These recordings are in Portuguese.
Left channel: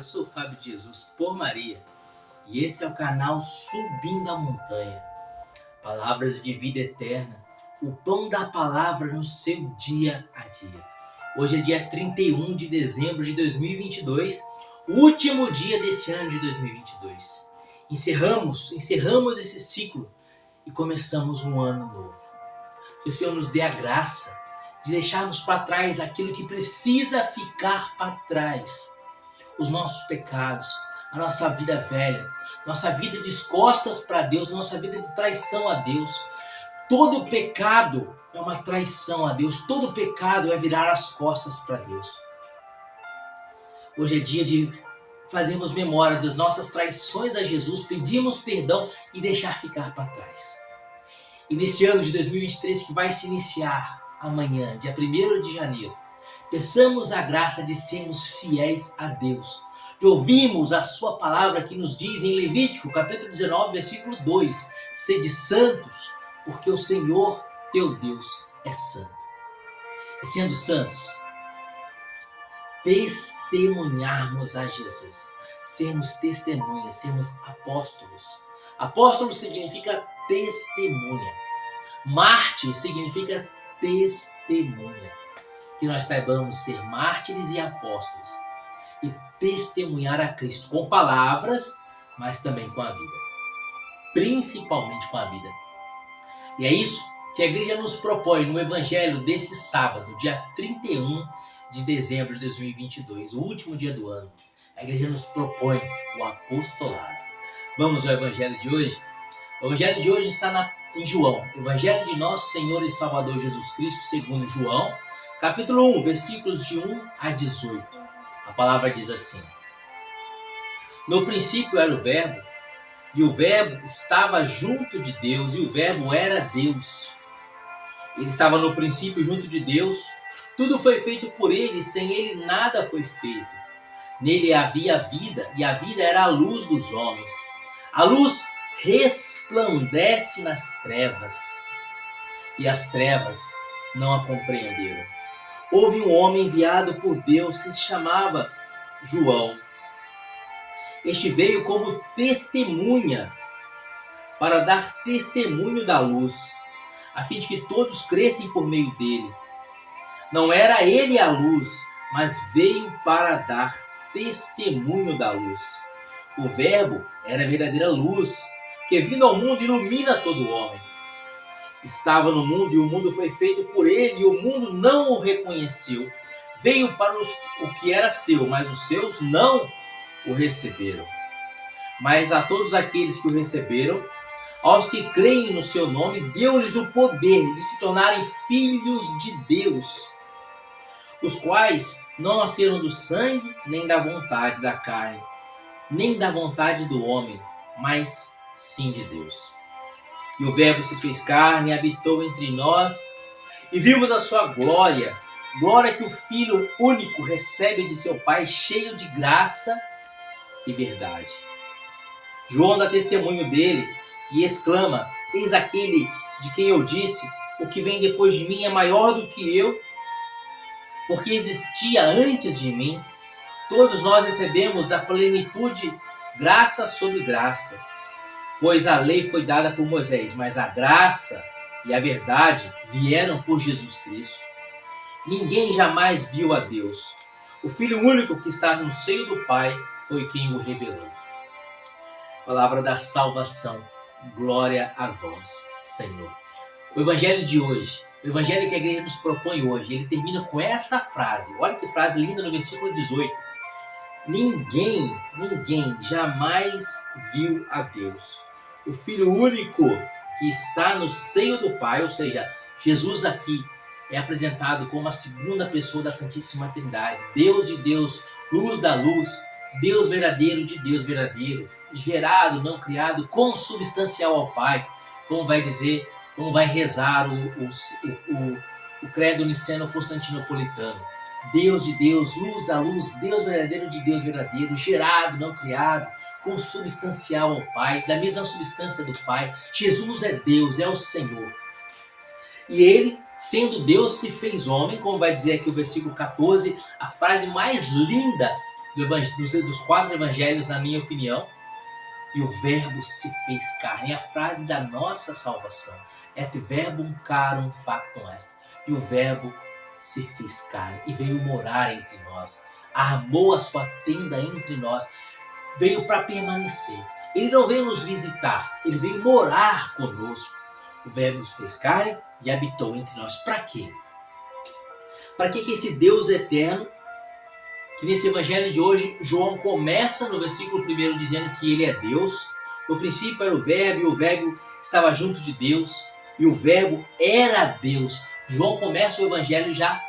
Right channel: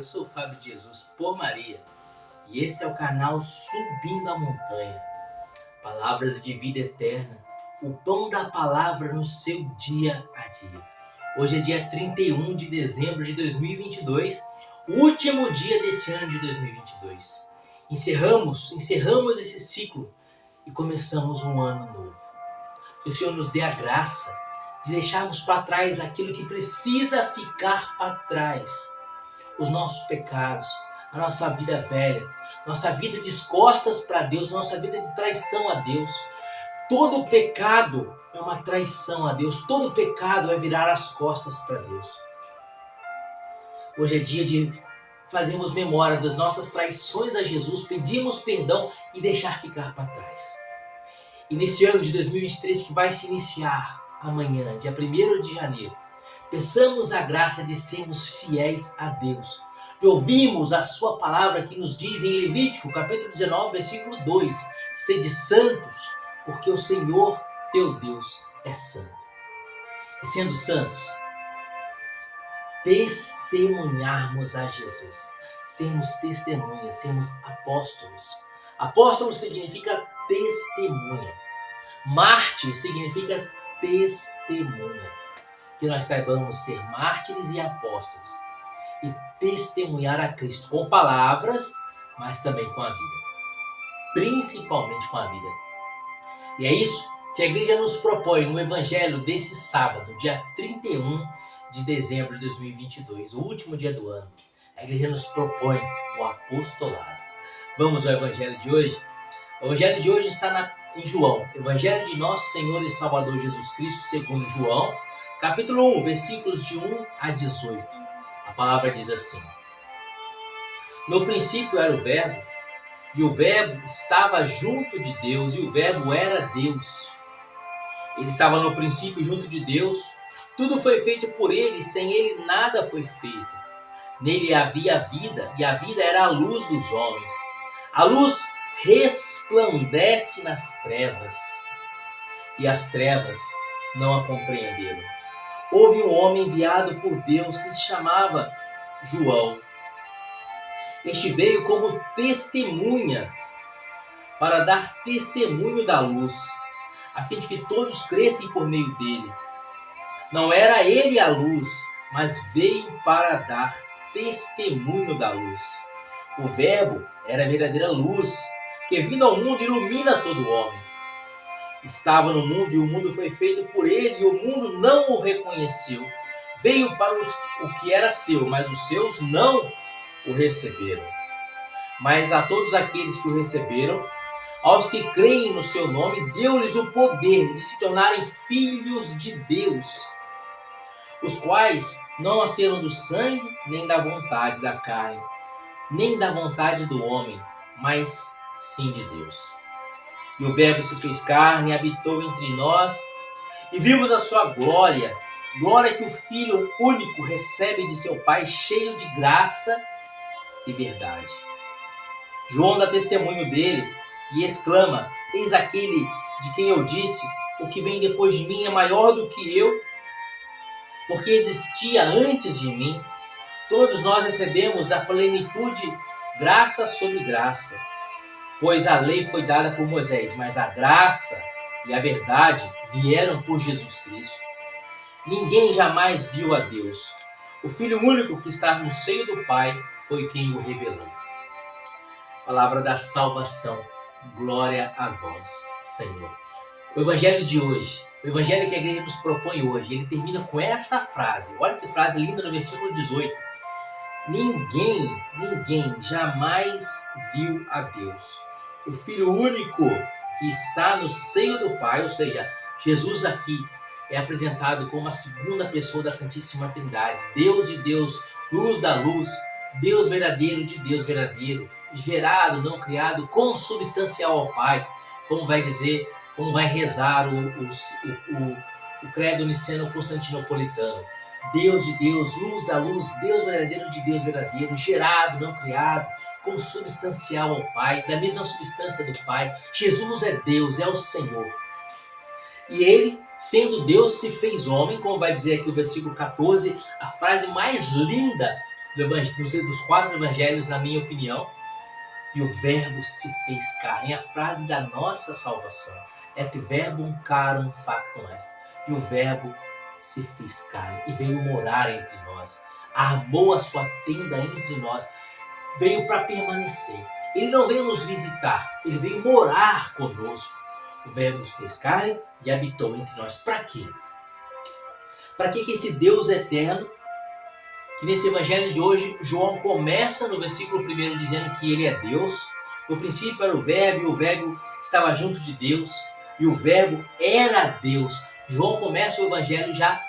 eu sou o Fábio de Jesus por Maria e esse é o canal Subindo a Montanha. Palavras de vida eterna, o pão da palavra no seu dia a dia. Hoje é dia 31 de dezembro de 2022, o último dia desse ano de 2022. Encerramos esse ciclo e começamos um ano novo. Que o Senhor nos dê a graça de deixarmos para trás aquilo que precisa ficar para trás. Os nossos pecados, a nossa vida velha, nossa vida de costas para Deus, nossa vida de traição a Deus. Todo pecado é uma traição a Deus, todo pecado é virar as costas para Deus. Hoje é dia de fazermos memória das nossas traições a Jesus, pedirmos perdão e deixar ficar para trás. E nesse ano de 2023 que vai se iniciar amanhã, dia 1º de janeiro, peçamos a graça de sermos fiéis a Deus, de ouvirmos a sua palavra que nos diz em Levítico, capítulo 19, versículo 2, sede santos, porque o Senhor teu Deus é santo. E sendo santos, testemunharmos a Jesus, sermos testemunhas, sermos apóstolos. Apóstolo significa testemunha. Mártir significa testemunha. Que nós saibamos ser mártires e apóstolos e testemunhar a Cristo com palavras, mas também com a vida. Principalmente com a vida. E é isso que a igreja nos propõe no evangelho desse sábado, dia 31 de dezembro de 2022, o último dia do ano. A igreja nos propõe o apostolado. Vamos ao evangelho de hoje? O evangelho de hoje está em João, evangelho de nosso Senhor e Salvador Jesus Cristo, segundo João, capítulo 1, versículos de 1 a 18. A palavra diz assim: No princípio era o Verbo, e o Verbo estava junto de Deus, e o Verbo era Deus. Ele estava no princípio junto de Deus. Tudo foi feito por ele, sem ele nada foi feito. Nele havia vida, e a vida era a luz dos homens. A luz resplandece nas trevas, e as trevas não a compreenderam. Houve um homem enviado por Deus que se chamava João. Este veio como testemunha, para dar testemunho da luz, a fim de que todos crescem por meio dele. Não era ele a luz, mas veio para dar testemunho da luz. O Verbo era a verdadeira luz, que vindo ao mundo ilumina todo homem. Estava no mundo e o mundo foi feito por ele e o mundo não o reconheceu. Veio para o que era seu, mas os seus não o receberam. Mas a todos aqueles que o receberam, aos que creem no seu nome, deu-lhes o poder de se tornarem filhos de Deus, os quais não nasceram do sangue, nem da vontade da carne, nem da vontade do homem, mas sim de Deus. E o Verbo se fez carne e habitou entre nós, e vimos a sua glória, glória que o Filho único recebe de seu Pai, cheio de graça e verdade. João dá testemunho dele e exclama: Eis aquele de quem eu disse, o que vem depois de mim é maior do que eu, porque existia antes de mim. Todos nós recebemos da plenitude graça sobre graça. Pois a lei foi dada por Moisés, mas a graça e a verdade vieram por Jesus Cristo. Ninguém jamais viu a Deus. O Filho único que está no seio do Pai foi quem o revelou. Palavra da salvação. Glória a vós, Senhor. O evangelho de hoje, o evangelho que a igreja nos propõe hoje, ele termina com essa frase. Olha que frase linda no versículo 18. Ninguém jamais viu a Deus. O Filho único que está no seio do Pai, ou seja, Jesus aqui é apresentado como a segunda pessoa da Santíssima Trindade. Deus de Deus, luz da luz, Deus verdadeiro de Deus verdadeiro, gerado, não criado, consubstancial ao Pai, como vai dizer, como vai rezar o credo niceno-constantinopolitano. Deus de Deus, luz da luz, Deus verdadeiro de Deus verdadeiro, gerado, não criado, consubstancial ao Pai, da mesma substância do Pai. Jesus é Deus, é o Senhor. E ele, sendo Deus, se fez homem, como vai dizer aqui o versículo 14, a frase mais linda dos 4 evangelhos, na minha opinião. E o verbo se fez carne. É a frase da nossa salvação. Et verbum carum factum est. E o verbo se fez carne e veio morar entre nós. Armou a sua tenda entre nós. Veio para permanecer. Ele não veio nos visitar. Ele veio morar conosco. O verbo se fez carne e habitou entre nós. Para quê? Para que esse Deus eterno, que nesse evangelho de hoje, João começa no versículo 1 dizendo que ele é Deus. No princípio era o verbo, e o verbo estava junto de Deus, e o verbo era Deus. João começa o evangelho já,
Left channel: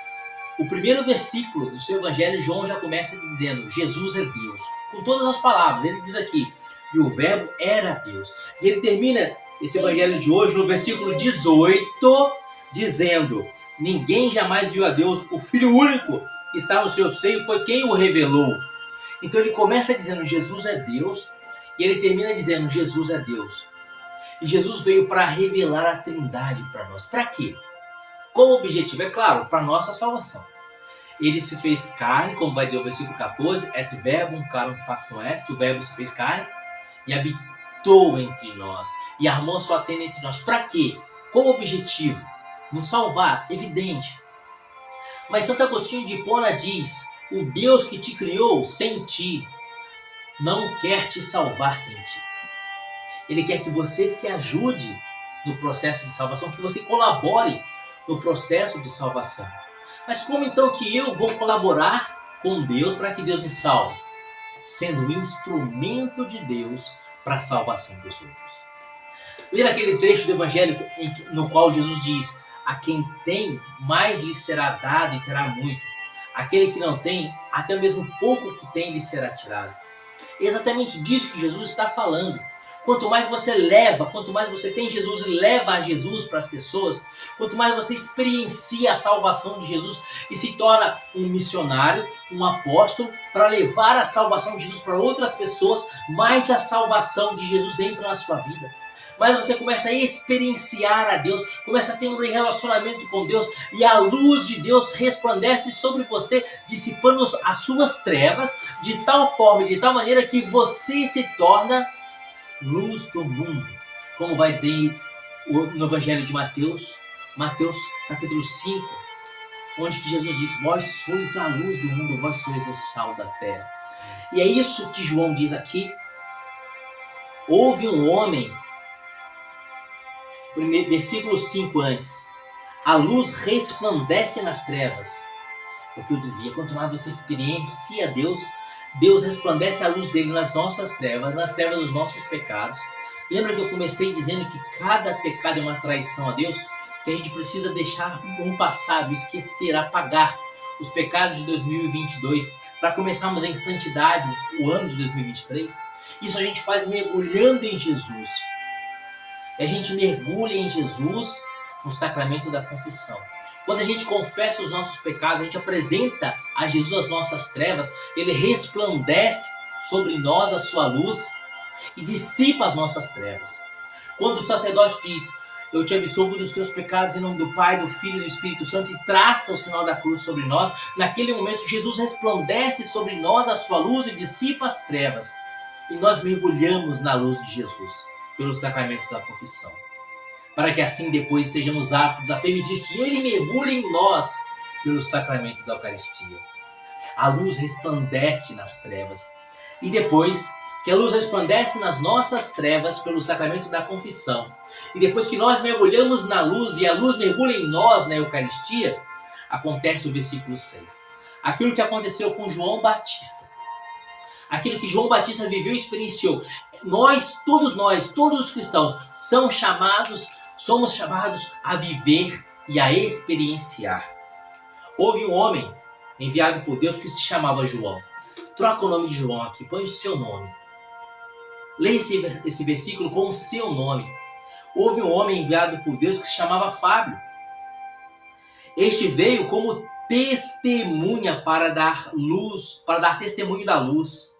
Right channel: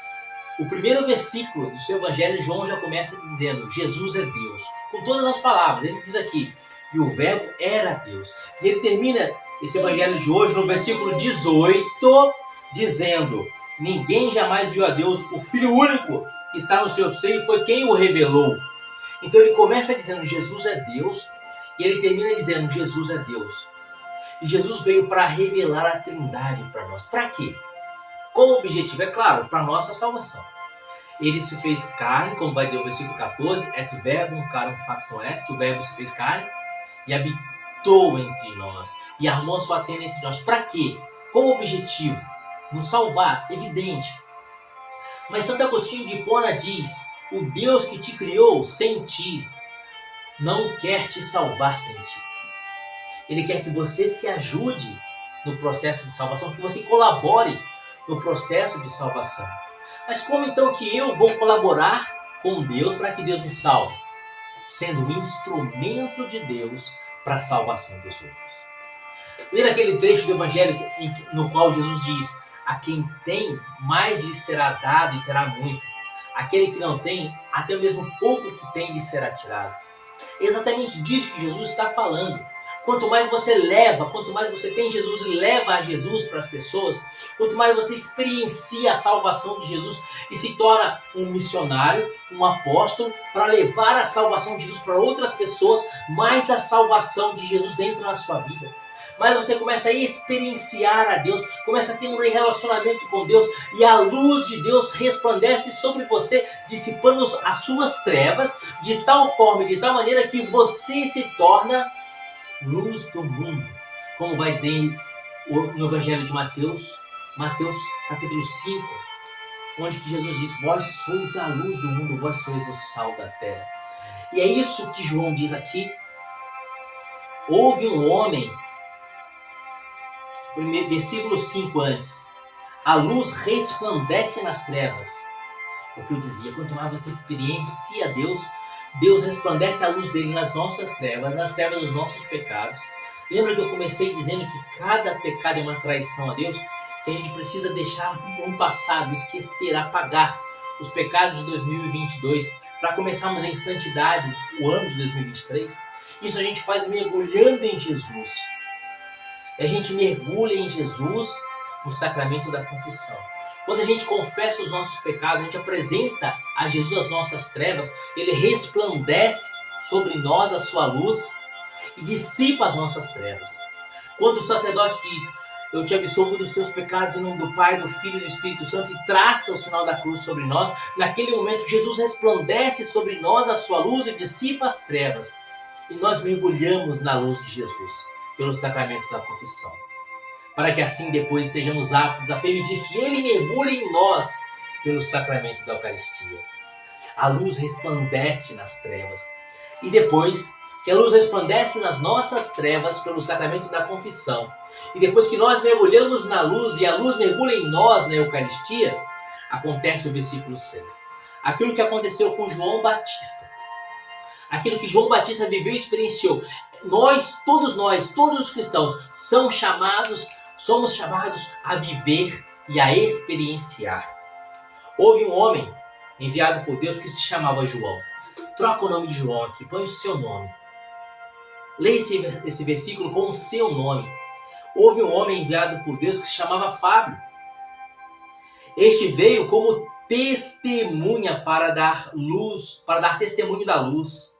o primeiro versículo do seu evangelho, João já começa dizendo, Jesus é Deus. Com todas as palavras, ele diz aqui, e o verbo era Deus. E ele termina esse evangelho de hoje no versículo 18, dizendo, ninguém jamais viu a Deus, o Filho único que está no seu seio foi quem o revelou. Então ele começa dizendo Jesus é Deus e ele termina dizendo Jesus é Deus. E Jesus veio para revelar a Trindade para nós. Para quê? Qual o objetivo? É claro, para a nossa salvação. Ele se fez carne, como vai dizer o versículo 14, et verbum carum factum est, o verbo se fez carne e habitou entre nós e armou a sua tenda entre nós. Para quê? Qual o objetivo? Nos salvar, evidente. Mas Santo Agostinho de Hipona diz, o Deus que te criou sem ti, não quer te salvar sem ti. Ele quer que você se ajude no processo de salvação, que você colabore no processo de salvação. Mas como então que eu vou colaborar com Deus para que Deus me salve? Sendo um instrumento de Deus para a salvação dos outros. Lê aquele trecho do Evangelho no qual Jesus diz, a quem tem, mais lhe será dado e terá muito. Aquele que não tem, até mesmo pouco que tem lhe será tirado. É exatamente disso que Jesus está falando. Quanto mais você leva, quanto mais você tem Jesus e leva a Jesus para as pessoas, quanto mais você experiencia a salvação de Jesus e se torna um missionário, um apóstolo, para levar a salvação de Jesus para outras pessoas, mais a salvação de Jesus entra na sua vida. Mas você começa a experienciar a Deus, começa a ter um relacionamento com Deus e a luz de Deus resplandece sobre você, dissipando as suas trevas de tal forma, de tal maneira que você se torna luz do mundo. Como vai dizer no Evangelho de Mateus, Mateus capítulo 5, onde que Jesus diz, vós sois a luz do mundo, vós sois o sal da terra. E é isso que João diz aqui. Houve um homem, versículo 5 antes, a luz resplandece nas trevas. É o que eu dizia, quanto mais você experiencia Deus, Deus resplandece a luz dele nas nossas trevas, nas trevas dos nossos pecados. Lembra que eu comecei dizendo que cada pecado é uma traição a Deus? Que a gente precisa deixar no passado, esquecer, apagar os pecados de 2022 para começarmos em santidade o ano de 2023. Isso a gente faz mergulhando em Jesus. E a gente mergulha em Jesus no sacramento da confissão. Quando a gente confessa os nossos pecados, a gente apresenta a Jesus as nossas trevas, ele resplandece sobre nós a sua luz e dissipa as nossas trevas. Quando o sacerdote diz, eu te absolvo dos teus pecados em nome do Pai, do Filho e do Espírito Santo, e traça o sinal da cruz sobre nós, naquele momento Jesus resplandece sobre nós a sua luz e dissipa as trevas. E nós mergulhamos na luz de Jesus, pelo sacramento da confissão. Para que assim depois estejamos aptos a permitir que Ele mergulhe em nós pelo sacramento da Eucaristia. A luz resplandece nas trevas. E depois que a luz resplandece nas nossas trevas pelo sacramento da confissão, e depois que nós mergulhamos na luz e a luz mergulha em nós na Eucaristia, acontece o versículo 6. Aquilo que aconteceu com João Batista. Aquilo que João Batista viveu e experienciou. Todos os cristãos, somos chamados a viver e a experienciar. Houve um homem enviado por Deus que se chamava João. Troca o nome de João aqui, põe o seu nome. Leia esse versículo com o seu nome. Houve um homem enviado por Deus que se chamava Fábio. Este veio como testemunha para dar testemunho da luz,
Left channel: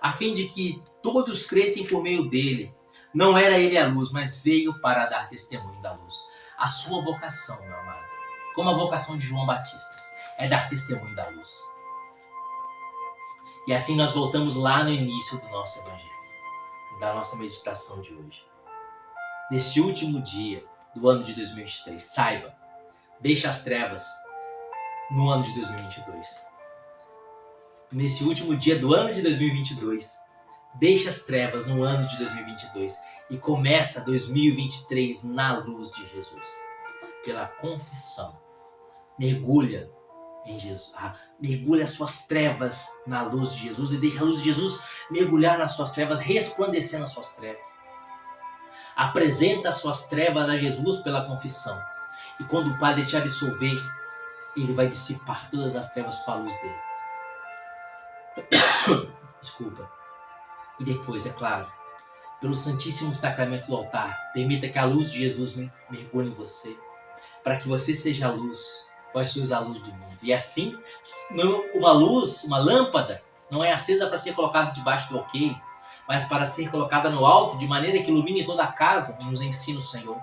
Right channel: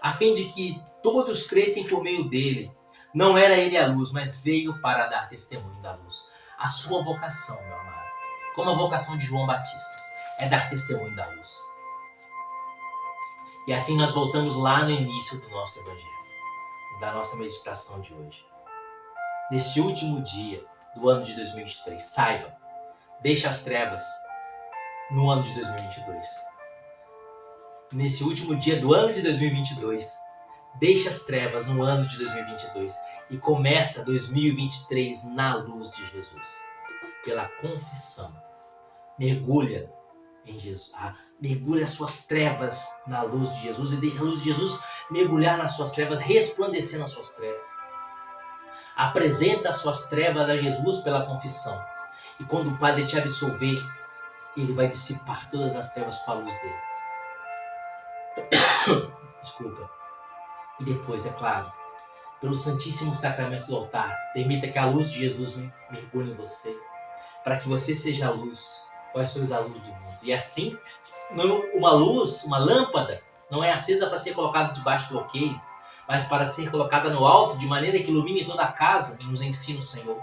a fim de que todos crescem por meio dele. Não era ele a luz, mas veio para dar testemunho da luz. A sua vocação, meu amado, como a vocação de João Batista, é dar testemunho da luz. E assim nós voltamos lá no início do nosso Evangelho, da nossa meditação de hoje. Neste último dia do ano de 2023, saiba, deixe as trevas no ano de 2022. Nesse último dia do ano de 2022, deixe as trevas no ano de 2022 e começa 2023 na luz de Jesus. Pela confissão, mergulha em Jesus. Mergulha as suas trevas na luz de Jesus e deixa a luz de Jesus mergulhar nas suas trevas, resplandecer nas suas trevas. Apresenta as suas trevas a Jesus pela confissão. E quando o Padre te absolver, Ele vai dissipar todas as trevas com a luz dele. Desculpa. E depois, é claro, pelo Santíssimo Sacramento do altar, permita que a luz de Jesus mergulhe em você, para que você seja a luz. Vós sois a luz do mundo. E assim, uma luz, uma lâmpada, não é acesa para ser colocada debaixo do alqueire, mas para ser colocada no alto, de maneira que ilumine toda a casa, nos ensina o Senhor.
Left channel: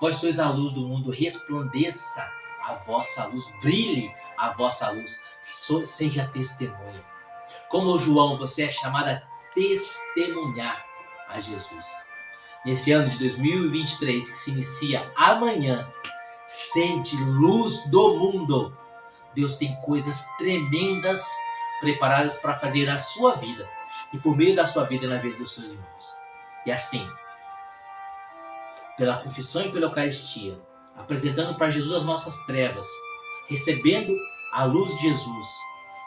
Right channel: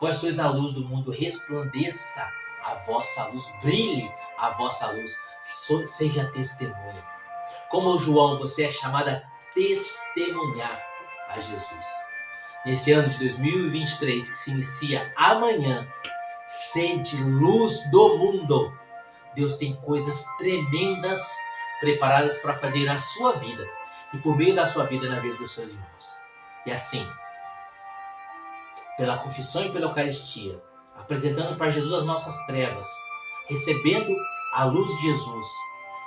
Vós sois a luz do mundo, resplandeça a vossa luz, brilhe a vossa luz, seja testemunha. Como o João, você é chamada a testemunhar a Jesus. Nesse ano de 2023, que se inicia amanhã, sede luz do mundo. Deus tem coisas tremendas preparadas para fazer na sua vida e por meio da sua vida na vida dos seus irmãos. E assim, pela confissão e pela Eucaristia, apresentando para Jesus as nossas trevas, recebendo a luz de Jesus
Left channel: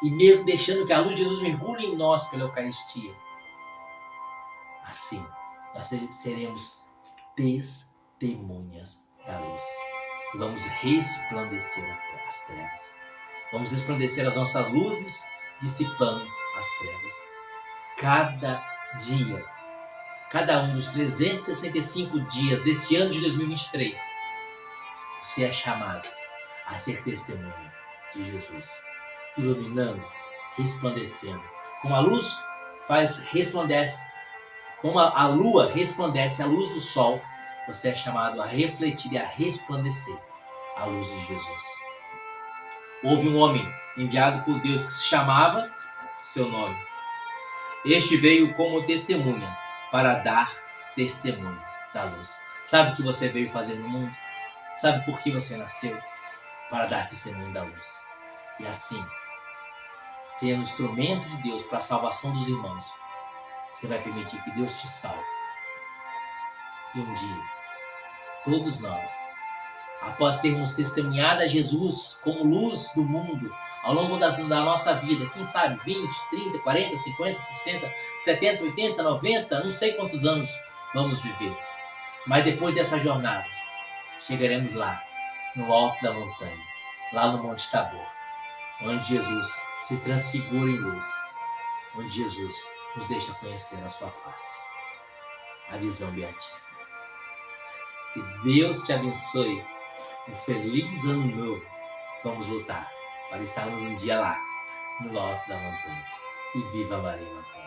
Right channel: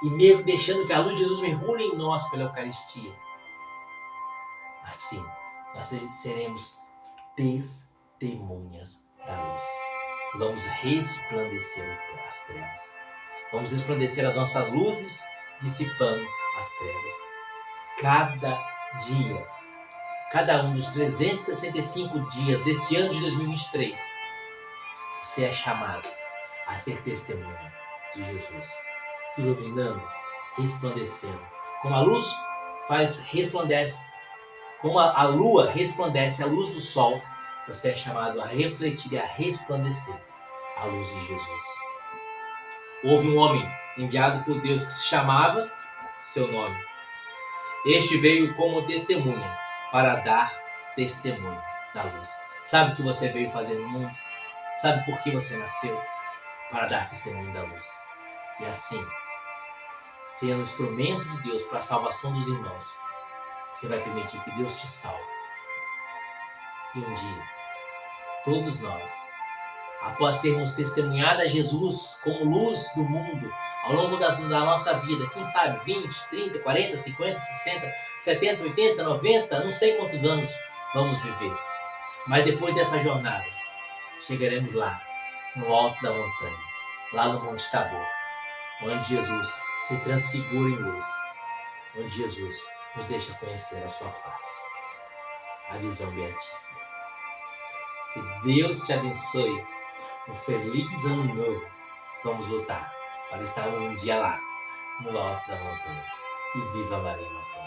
e deixando que a luz de Jesus mergulhe em nós pela Eucaristia. Assim, nós seremos testemunhas da luz. Vamos resplandecer as trevas. Vamos resplandecer as nossas luzes, dissipando as trevas. Cada dia, cada um dos 365 dias deste ano de 2023, você é chamado a ser testemunha de Jesus, iluminando, resplandecendo. Como a luz resplandece, como a lua resplandece a luz do sol, você é chamado a refletir e a resplandecer a luz de Jesus. Houve um homem enviado por Deus que se chamava seu nome. Este veio como testemunha para dar testemunho da luz. Sabe o que você veio fazer no mundo? Sabe por que você nasceu? Para dar testemunho da luz. E assim, sendo instrumento de Deus para a salvação dos irmãos, você vai permitir que Deus te salve. E um dia, todos nós, após termos testemunhado a Jesus como luz do mundo, ao longo da nossa vida, quem sabe 20, 30, 40, 50, 60, 70, 80, 90, não sei quantos anos vamos viver. Mas depois dessa jornada, chegaremos lá, no alto da montanha, lá no Monte Tabor, onde Jesus se transfigura em luz, onde Jesus nos deixa conhecer a sua face, a visão beatífica. Que Deus te abençoe. Um feliz ano novo. Vamos lutar para estarmos um dia lá, no alto da montanha. E viva Maria!